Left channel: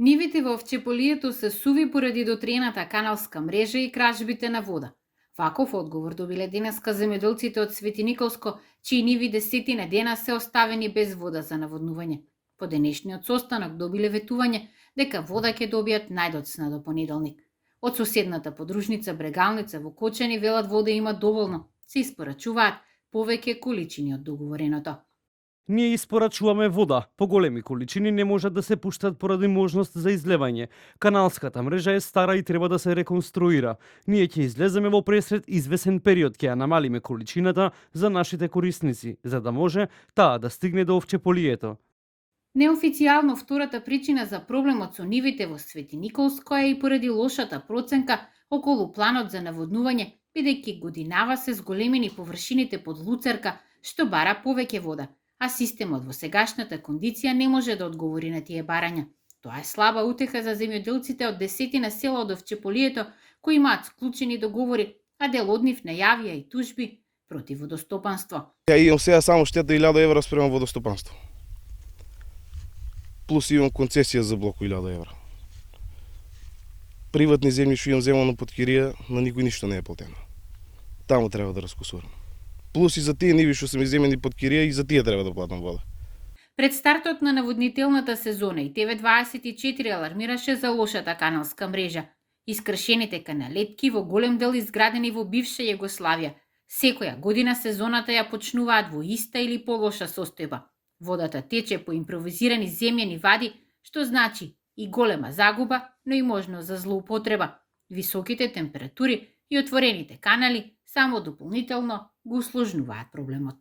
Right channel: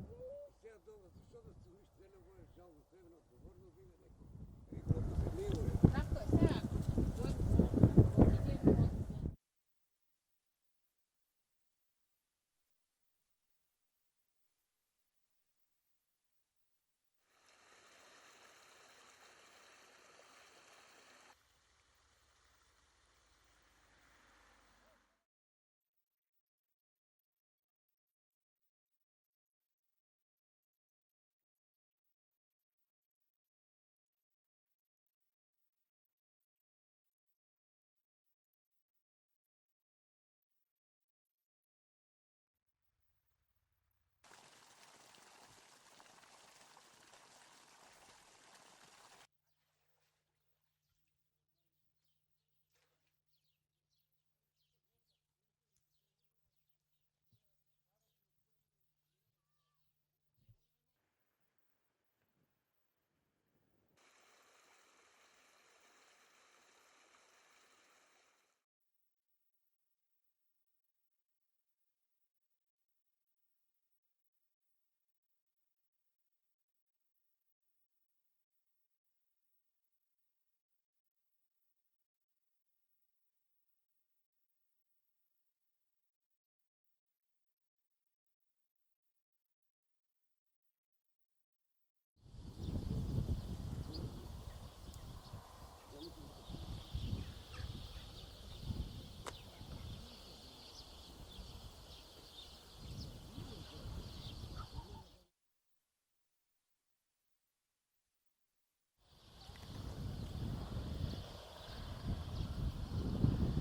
Нивите во Овчеполието се суви поради дотрената каналска мрежа и кражбите на вода. Ваков одговор добиле денеска земјоделците од Свети Николско, чии ниви десетина дена се оставени без вода за наводнување. По денешниот состанок добиле ветување дека вода ќе добијат најдоцна до понеделник. Од соседната подружница Брегалница во Кочани велат вода има доволно, се испорачуваат повеќе количини од договореното. Ние испорачуваме вода. Поголеми количини не можат да се пуштат поради можност за излевање. Каналската мрежа е стара и треба да се реконструира. Ние ќе излеземе во пресред извесен период, ќе ја намалиме количината за нашите корисници, за да може таа да стигне до Овчеполието. Неофицијално втората причина за проблемот со нивите во Свети Николско е и поради лошата проценка околу планот за наводнување, бидејќи годинава се зголемени површините под Луцерка, што бара повеќе вода, а системот во сегашната кондиција не може да одговори на тие барања. Тоа е слаба утеха за земјоделците од десетина села од Овчеполието кои имаат склучени договори, а дел од нив најавија и тужби против водостопанство. Ја имам сега само штета 1000 евра спрема водостопанство. Плюс имам концесија за блок 1000 евра. Приватни земји што имам земано под кирија, на никој ништо не е платено. Таму треба да раскусувам. Плюс и за тие ниви што се ми земени под кирија, и за тие треба да платам вода. Пред стартот на наводнителната сезона и ТВ24 алармираше за лошата каналска мрежа. Искршените каналетки во голем дел изградени во бивша Југославија. Секоја година сезоната ја почнуваат во иста или полоша состојба. Водата тече по импровизирани земјани вади, што значи и голема загуба, но и можност за злоупотреба. Високите температури и отворените канали само дополнително го усложнуваат проблемот.